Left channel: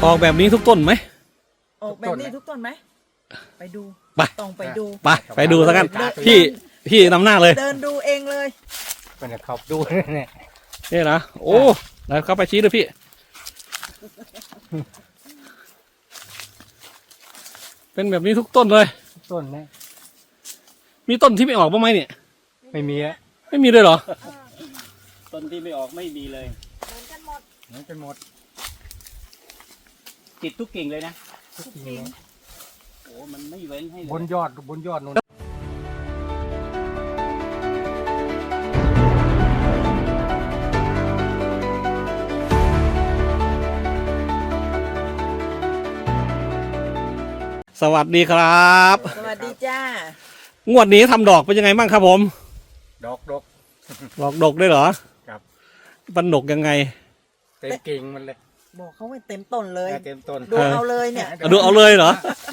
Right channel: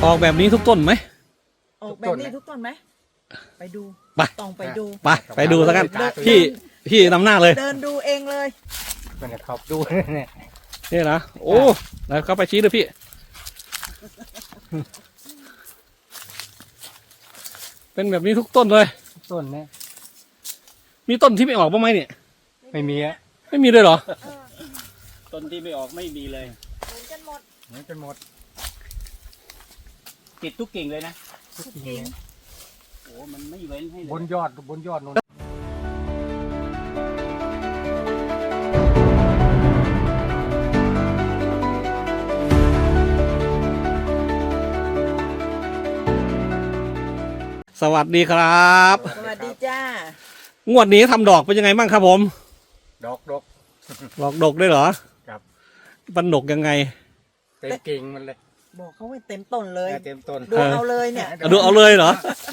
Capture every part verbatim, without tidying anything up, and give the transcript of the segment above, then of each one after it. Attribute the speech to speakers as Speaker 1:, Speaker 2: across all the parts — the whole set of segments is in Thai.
Speaker 1: ออกแบบนี้ทุกต้นไหม
Speaker 2: ออกแบบนี้ทุกต้นไหมไปดู
Speaker 1: ไป
Speaker 2: ต้องไปดู
Speaker 1: ไปไปดูแล้วกันพี่พี่นำหน้าเลย
Speaker 2: เดินดูเองเลย
Speaker 3: มันจะขับดูเนี่ย
Speaker 1: นี่นะโอ้แล้วเข้าไปชี้เลยพี่เป็นแบบนี้ทุกต้นเลย
Speaker 3: ต้นเนี่ย
Speaker 1: มีต้นที่ไม่ออกบ้างไหมเนี่ย
Speaker 3: ไม่มีอะ
Speaker 1: ไม่มีเลยเหรอ
Speaker 4: ต้นที่ไม่ออกไม่มีเลย
Speaker 2: เหมือนกันหมด
Speaker 3: เหมือนกันหมด
Speaker 4: ติดทุกกิ่งเลยนะ
Speaker 3: ทุกทีเนี่ย
Speaker 4: โอ้มันไม่เว้นให้เล
Speaker 3: บน
Speaker 4: ย
Speaker 3: ยอดบนยอดนู่น
Speaker 1: สวัสดีครับ
Speaker 2: สวัสดีจ้าง
Speaker 1: วดนี้ทำดอกเป็นยังไงบ้างครับผม
Speaker 3: ดอกดอก
Speaker 1: ดอกดกด้วยเหรอ
Speaker 3: ครับ
Speaker 1: มันดกยังไง
Speaker 3: เต็มกิ่งมันเลย
Speaker 2: บอกเขาไว้เต็มต้นเลย
Speaker 3: เต็มต้น
Speaker 2: ดูเอาเลยเนี่ย
Speaker 1: เอาดูเอาเลยเหรอ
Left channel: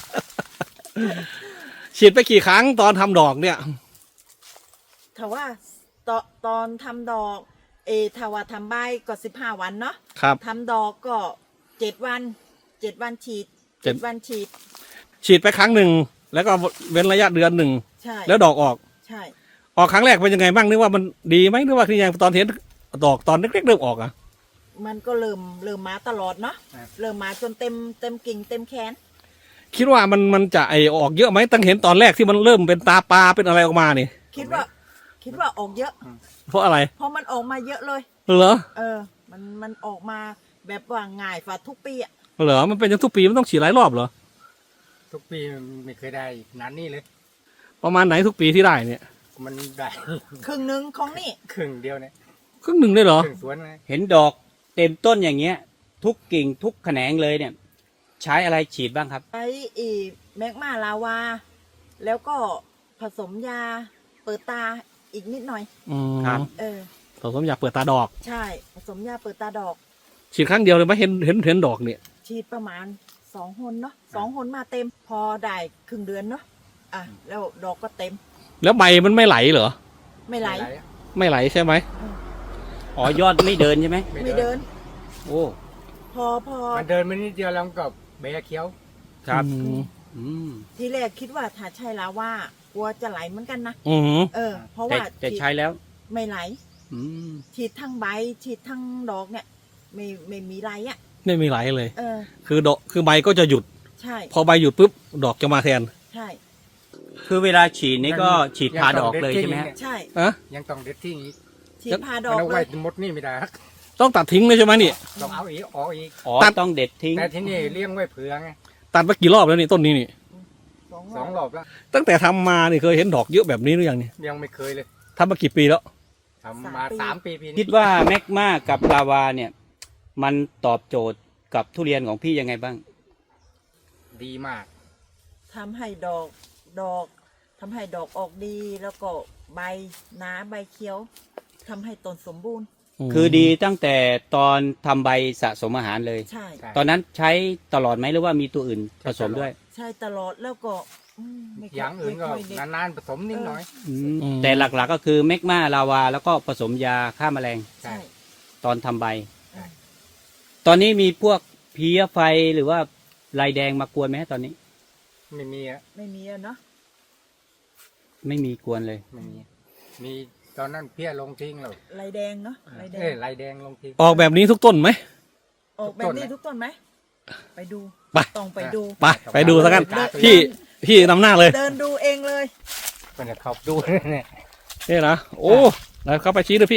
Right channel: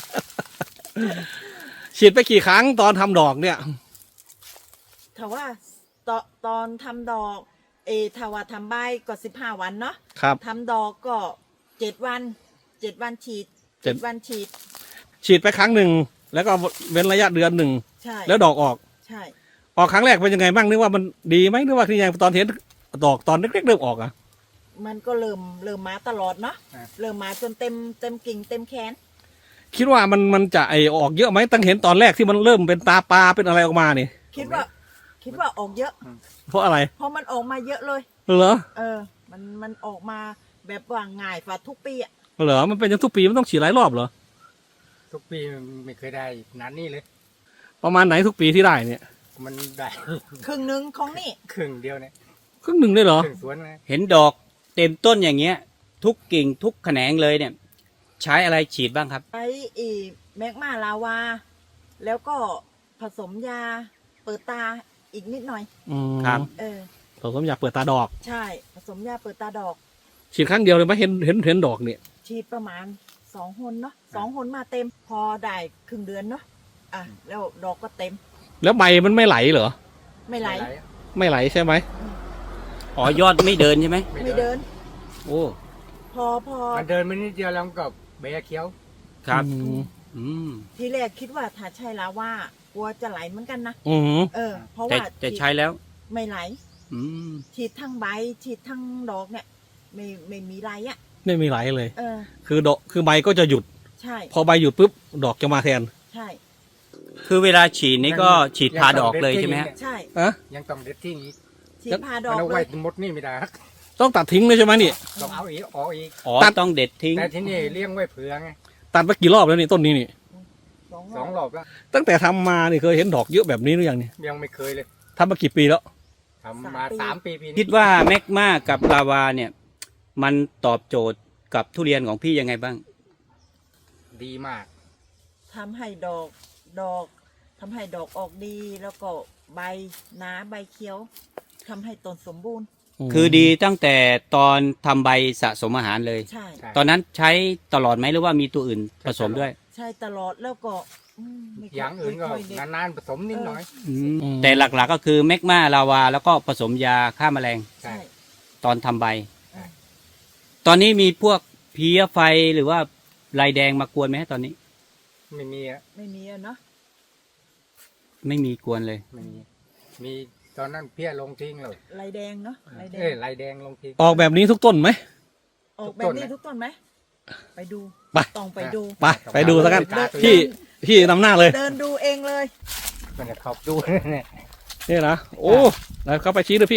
Speaker 1: ฉีดไปกี่ครั้งตอนทำดอกเนี่ย
Speaker 2: ถ้าว่าตอนตอนทำดอก เออถ้าว่าทำใบก็สิบห้าวันเนาะ
Speaker 1: ครับ
Speaker 2: ทำดอกก็เจ็ดวันเจ็ดวันฉีด
Speaker 1: เจ็
Speaker 2: เจ็
Speaker 1: ด
Speaker 2: ดวันฉีด
Speaker 1: ฉีดไปครั้งหนึ่งแล้วก็เว้นระยะเดือนหนึ่ง
Speaker 2: ใช่
Speaker 1: แล้วดอกออก
Speaker 2: ใช่
Speaker 1: ออกครั้งแรกเป็นยังไงบ้างนึกว่ามันดีไหมนึกว่าคือยังตอนเห็นดอกตอนเล็กๆเริ่มออกอ่ะ
Speaker 2: มันก็เริ่มเริ่มมาตลอดเนาะเริ่มมาจนเต็มเต็มกิ่งเต็มแขน
Speaker 1: คิดว่ามันมันจะไอออกเยอะไหมตั้งเห็นตอนแรกที่มันเริ่มเป็นตาปลาเป็นอะไรออกมานี่
Speaker 2: คิดว่า คิดว่าออกเยอะ
Speaker 1: เพราะอะไร
Speaker 2: เพราะมันออกมาเยอะเลย
Speaker 1: เหรอ
Speaker 2: เออ มันมันออกมาแบบว่าง่ายฝ่าทุกปีอ่ะ
Speaker 1: เหรอมันเป็นอย่างทุกปีมันต้องฉีดหลายรอบเหรอ
Speaker 3: ทุกปีมันไม่เคยได้นานนี่เลย
Speaker 1: ประมาณไหนทุกปีที่ได้เนี่ย
Speaker 3: มันได้
Speaker 2: ครึ่งหนึ่งของนี่
Speaker 3: ครึ่งเดียวเนี่ย
Speaker 1: ครึ่งหนึ่งได้เหรอ
Speaker 3: ครึ่งสวนเลย
Speaker 4: เห็นดอกเต็มต้นอย่างเงี้ย ทุกกิ่งทุกแขนงเลยเนี่ย ใช้อะไรฉีดบ้างครับ
Speaker 2: ใช้อีแมกมาลาวา แล้วก็ผสมยาเปิดตาอีกนิดหน่อย
Speaker 1: อืม
Speaker 4: ครับ
Speaker 2: เออ
Speaker 1: ผมอยากเปิดตาดอก
Speaker 2: ใช่ ผสมยาเปิดตาดอก
Speaker 1: ฉีดครั้งเดียวเลยไหมเห็นเห็นเห็นดอกเนี่ย
Speaker 2: ฉีดประมาณสองหนเนาะสองหนมาเต็ม พอได้ครึ่งเดือนเนาะอ่ะแล้วดอกก็เต็ม
Speaker 1: แล้วใบมันไม่ไหลเหรอ
Speaker 2: ไม่ไหล
Speaker 3: อะ
Speaker 1: ไม่ไหลใช่ไหม
Speaker 4: อ๋อยอดไม่เดินใช่ไหม
Speaker 2: ไม่เดิน
Speaker 4: โอ้
Speaker 2: พอพอ
Speaker 3: มันเดินมานิดเดียวแล้วมันก็เบะเขียว
Speaker 4: ครับ
Speaker 1: อืม
Speaker 4: อืม
Speaker 2: ทีแรกคิดว่าถ้าใช่ลาวากลัวจะไหลเหมือนกันนะ
Speaker 1: อืม
Speaker 2: เออ เพราะ
Speaker 4: แต่
Speaker 2: ว่า
Speaker 4: แต่
Speaker 2: ฉีด
Speaker 4: ใช้แล้ว
Speaker 2: ไม่ไหล
Speaker 4: อืม
Speaker 2: ฉีดทั้งใบฉีดทั้งดอกเนี่ย ไม่ไม่มีไรอ่ะ
Speaker 1: ไม่มีไหลเลย
Speaker 2: เออ
Speaker 1: คือดอกคือใบก็จะหยุด
Speaker 2: ใช่
Speaker 1: พอใบหยุดปุ๊บดอกจะมาแทน
Speaker 2: ใช่
Speaker 4: คือเวลาฉีดนี่ก็ฉีดพาดอกเลยใช่ไหมฮะ
Speaker 2: ใช่
Speaker 1: อะ
Speaker 3: ยังต้องเด็ดทิ้งอีก
Speaker 2: ฉีดพาดอ
Speaker 3: มัน
Speaker 2: ก
Speaker 3: เอา
Speaker 2: เล
Speaker 3: ไว้
Speaker 2: ย
Speaker 3: หมดนี่ไม่ได้
Speaker 1: ต้องตัดทิ้งเลยใช่ไหมนี่
Speaker 3: ต้องเอาอีกออกอีก
Speaker 4: อ๋อ
Speaker 1: ตัด
Speaker 4: ต้องเด็ดทิ้ง
Speaker 3: แต่ที่นี่เลี้ยงไว้เผื่อไง
Speaker 1: ตัดไปกี่รอบแล้วนี่ต้นนี้นี่
Speaker 2: สอง
Speaker 3: สองรอบแล้ว
Speaker 1: ตั้งแต่ทำมานี่เคยเห็นดอกเยอะแบบนี้หรือยังเนี่ย
Speaker 3: ยังไม่เคยเลย
Speaker 1: ทำมากี่ปีแล้ว
Speaker 3: ทำมาสามปีปี
Speaker 4: คิ
Speaker 3: นี้
Speaker 4: ดว่าแมกมากับลาวาเนี่ย มันตอบโจทย์กับทุเรียนของพี่ยังไงบ้าง
Speaker 3: ดีมาก
Speaker 2: ทำให้ดอกดอกทำให้ดอกออกดี แล้วก็ใบหนาใบเขียวทำให้ต้นสมบูรณ์
Speaker 4: คือดีตั้งแต่ตอนทำใบสะสมอาหารเลย
Speaker 2: ใช่
Speaker 3: ใช่
Speaker 4: ตอนนั้นใช้ตลอดไหมหรือว่ามีตัวอื่นผสมด้วย
Speaker 2: ใช่ตลอดแล้วก็อืมไม่ค่
Speaker 3: อย่างอื่นก็
Speaker 2: ไม่ค่ยเด็ด
Speaker 3: นานๆผสมนิดหน่อย
Speaker 4: แต่หลักๆก็คือแมกมาลาวา แล้วก็ผสมยาฆ่าแมลง
Speaker 2: ใช่
Speaker 4: ตอนทำใบ
Speaker 2: เออ
Speaker 4: ตอนนี้มีพวกเพลี้ยไฟหรือว่าลายแดงมากวนไหมฮะตอนนี้
Speaker 3: ไม่มีอะ
Speaker 2: ไม่มีอะเนาะ
Speaker 4: ไม่มีกวนเลย
Speaker 3: ไม่มี มีตอนนั้นเพี้ยลงทิ้งเลย
Speaker 2: ลายแดงเนาะลายแด
Speaker 3: เอ้ย
Speaker 2: ง
Speaker 3: ลายแดงลงทิ้ง
Speaker 1: ออกแบบนี้ทุกต้นไหม
Speaker 2: ออก
Speaker 3: ทุ
Speaker 2: แบ
Speaker 3: กต้
Speaker 2: บ
Speaker 3: น
Speaker 2: นี้
Speaker 3: นะ
Speaker 2: ทุกต้นไหมไปดู
Speaker 1: ไป
Speaker 2: ต้องไปดู
Speaker 1: ไปไปดูแล้วกัน
Speaker 3: เดิน
Speaker 1: พี่พี่นำหน้าเลย
Speaker 2: เดินดูเองเลย
Speaker 3: มันจะขับดูเนี่ย
Speaker 1: นี่นะโอ้แล้วเข้าไปชี้เลยพี่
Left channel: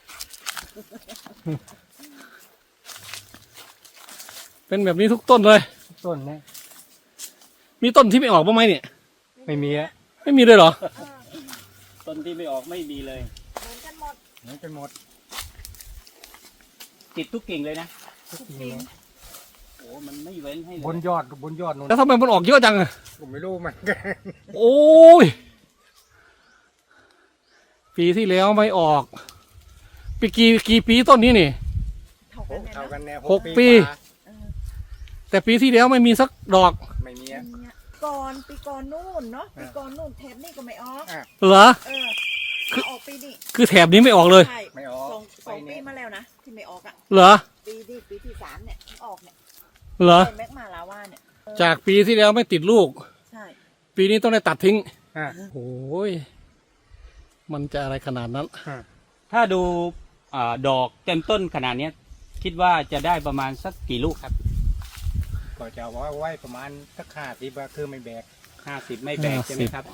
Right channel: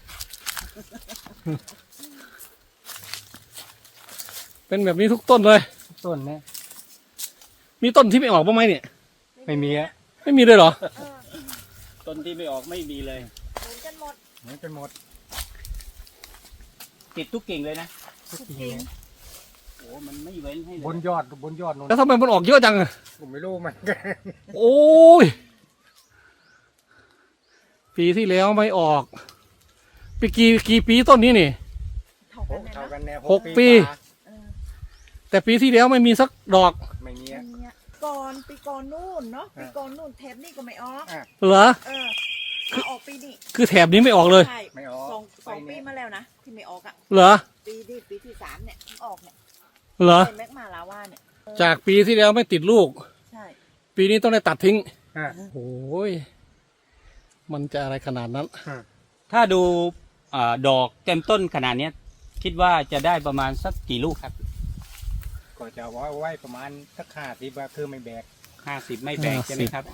Speaker 1: เป็นแบบนี้ทุกต้นเลย
Speaker 3: ต้นเนี่ย
Speaker 1: มีต้นที่ไม่ออกบ้างไหมเนี่ย
Speaker 3: ไม่มีอะ
Speaker 1: ไม่มีเลยเหรอ
Speaker 4: ต้นที่ไม่ออกไม่มีเลย
Speaker 2: เหมือนกันหมด
Speaker 3: เหมือนกันหมด
Speaker 4: ติดทุกกิ่งเลยนะ
Speaker 3: ทุกทีเนี่ย
Speaker 4: โอ้มันไม่เว้นให้เล
Speaker 3: บน
Speaker 4: ย
Speaker 3: ยอดบนยอดนู่น
Speaker 1: แล้วทำไมมันออกเยอะจังอะ
Speaker 3: ผมไม่รู้มันกัน
Speaker 1: โอ้ยปีที่แล้วไม่ออกปีกี่กี่ปีต้นนี้นี่
Speaker 2: เท่ากันเลย
Speaker 3: เท่า
Speaker 2: เนาะ
Speaker 3: กันแน่
Speaker 1: หกปี
Speaker 3: กว่า
Speaker 2: เออ
Speaker 1: แต่ปีที่แล้วไม่มีสักดอก
Speaker 3: ไม่มี
Speaker 2: อั
Speaker 3: อะ
Speaker 2: นเนี้ยก่อนปีก่อนนู่นเนาะปีก่อนนู่นแถบนี่ก็ไม่ออก
Speaker 1: เหรอ
Speaker 2: เออมาออกปีนี้
Speaker 1: คือแถบนี้ไม่ออกเลย
Speaker 2: ใช่
Speaker 3: ไม่ออก
Speaker 2: สองสอง
Speaker 3: ไป
Speaker 2: ปี
Speaker 3: เนี่ย
Speaker 2: มาแล้วนะที่ไม่ออกอ่ะ
Speaker 1: เหรอ
Speaker 2: ปีที่ปีที่สามเนี่ยออกเนี่ย
Speaker 1: เหรอ
Speaker 2: ใช่แมกมาลาวาเนี่ย
Speaker 1: จากปีที่แล้วไม่ติดลูก
Speaker 2: ใช่
Speaker 1: ปีนี้ต้องได้ตัดทิ้ง
Speaker 3: อ่า
Speaker 1: โอ้ยมันจะอะไรขนาดนั้น
Speaker 4: ถ้าดูอาดอกเต็มต้นขนาดเนี้ยคิดว่าจะได้ประมาณสักกี่ลูกครับ
Speaker 3: ก็จะไว้ไว้ประมาณสักห้าสิบคือไม่แบก
Speaker 4: ห้าสิบไม่แบกใช่ไหมครับ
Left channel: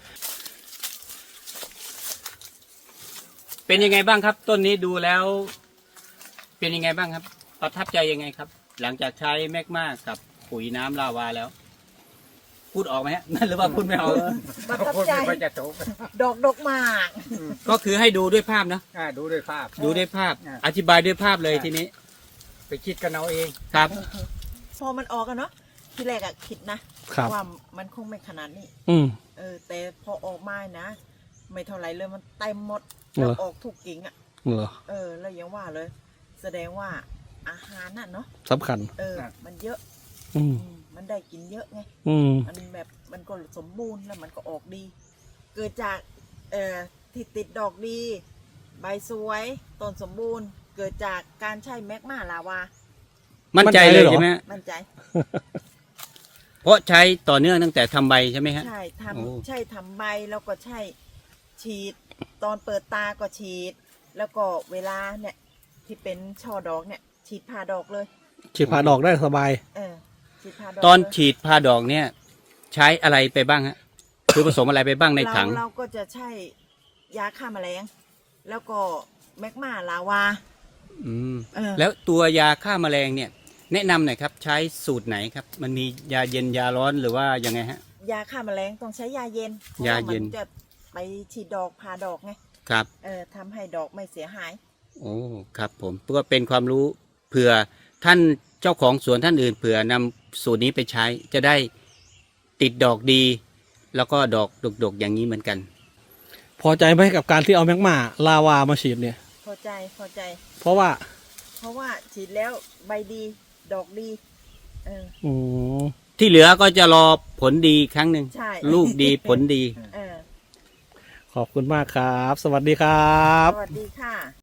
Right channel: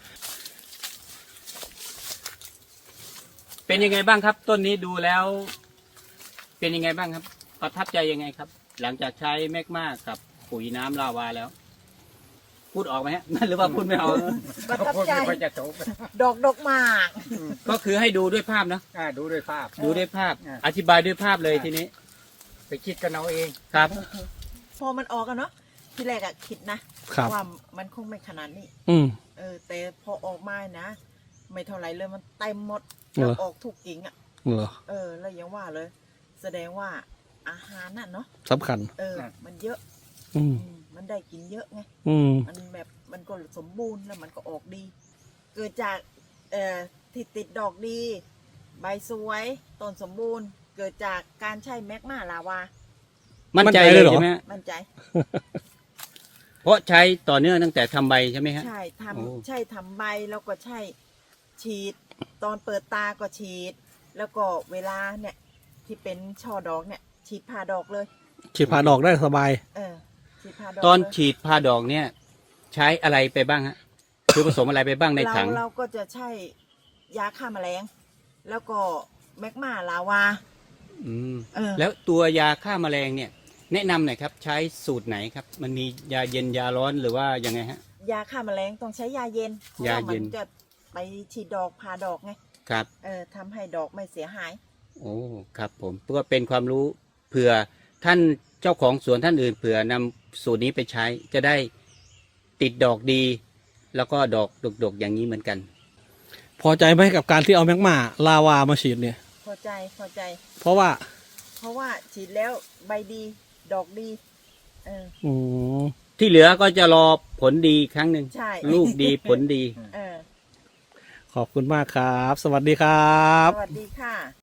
Speaker 4: เป็นยังไงบ้างครับ ต้นนี้ดูแล้ว เป็นยังไงบ้างครับ ประทับใจยังไงครับ หลังจากใช้แมกมากับปุ๋ยน้ำลาวาแล้ว พูดออกไหมฮะ หรือว่าพูดไม่ออก
Speaker 2: ประทับใจ
Speaker 3: ไม่ค่อยจะจบ
Speaker 2: ดอกดอกหมาก
Speaker 4: ก็คือให้ดูด้วยภาพเนอะ
Speaker 3: อ่าดูด้วยภาพ
Speaker 4: ดูด้วยภาพ
Speaker 3: อ่า
Speaker 4: อธิบายด้วยภาพเลยทีนี้
Speaker 3: ไปคิดกันเอาเอง
Speaker 4: ครับ
Speaker 2: พอมันออกอะเนาะที่แรกอะคิดนะครับ ว่ามันคงไม่ขนาดนี้
Speaker 1: อืม
Speaker 2: เออ แต่พอออกมานะ ไม่เท่าไรเลยมันเต็มหมด
Speaker 1: เหรอ
Speaker 2: แล้วออกถูกกิ่งอะ
Speaker 1: เหรอ
Speaker 2: เออ แล้วยังว่าเลย แสดงว่าอาหารน่ะเนาะ
Speaker 1: สำคัญ
Speaker 2: เออ มันเยอะ
Speaker 1: อืม
Speaker 2: อืมมันได้กินเยอะไง
Speaker 1: อืม
Speaker 2: มันแบบมันก็สมบูรณ์แล้วมันก็ออกดี เกิดจากเอ่อที่ติดดอกดี ใบสวยต้นสมบูรณ์ เกิดจากการใช้แมกมาลาวา
Speaker 4: มั่นใจ
Speaker 1: มั่นใจ
Speaker 4: เล
Speaker 1: เลย ยเหรอ
Speaker 4: ใช่ไหมฮะ
Speaker 2: มั่นใจ
Speaker 4: เพราะใช้ต่อเนื่องตั้งแต่ทำใบใช่ไหมฮะ
Speaker 2: ใช่
Speaker 4: โอ้
Speaker 2: ทำใช่ทำใบแล้วก็ใช่ฉีด ตอนเปิดตาก็ฉีด แล้วก็เวลาเนี่ย ที่เป็นช่อดอกเนี่ย ฉีดผ่าดอกเลย
Speaker 1: ฉีดผ่าดอกได้สบาย
Speaker 2: เออฉีดผ่าดอก
Speaker 4: ตอน
Speaker 2: เลย
Speaker 4: ฉีดพาดอกเนี่ย ใช้อะไรไปบ้างฮะ คือผสมอะไรไปบ้างใน
Speaker 2: เรา
Speaker 4: ถัง
Speaker 2: เราก็จะใช้ยาฆ่าแมลง แล้วก็แมกมาลาวา
Speaker 4: อืม
Speaker 2: เออ
Speaker 4: แล้วตัวยาฆ่าแมลงเนี่ย แนะนำหน่อยครับ ใช้สูตรไหนครับ มันมียาเย็นยาร้อนหรือว่ายังไงฮะ
Speaker 2: ยาฆ่าแมลงต้องใช้ยาเย็น เพราะ
Speaker 4: ยา
Speaker 2: ว่า
Speaker 4: เย็
Speaker 2: มัน นจะไปฉีดดอกผ่าดอกไง
Speaker 4: ครับ
Speaker 2: เออทำให้ดอกไม่เสียหาย
Speaker 4: โอ้ครับผมเพื่อเป็นความรู้เผื่อท่านเจ้าของสวนท่านอื่นเผื่อนำสูตรนี้ไปใช้จะได้ติดดอกดี แล้วก็ดอกดกๆอย่างนี้เหมือนกัน
Speaker 1: พอใจไหมกับการที่เอาแมกมาลาวามาฉีดเนี่ย
Speaker 2: พอใจพอใจ
Speaker 1: เพราะว่า
Speaker 2: เพราะว่าฉีดแล้วใบดี ดอกดี เออ
Speaker 1: อืม
Speaker 4: ที่เหลือก็จะรอผลดีครั้งหนึ่ง
Speaker 2: ใช่
Speaker 4: ลูกดีผลดี
Speaker 2: เออ
Speaker 1: ขอบคุณมากครับ สวัสดีครับ
Speaker 2: สวัสดีค่ะ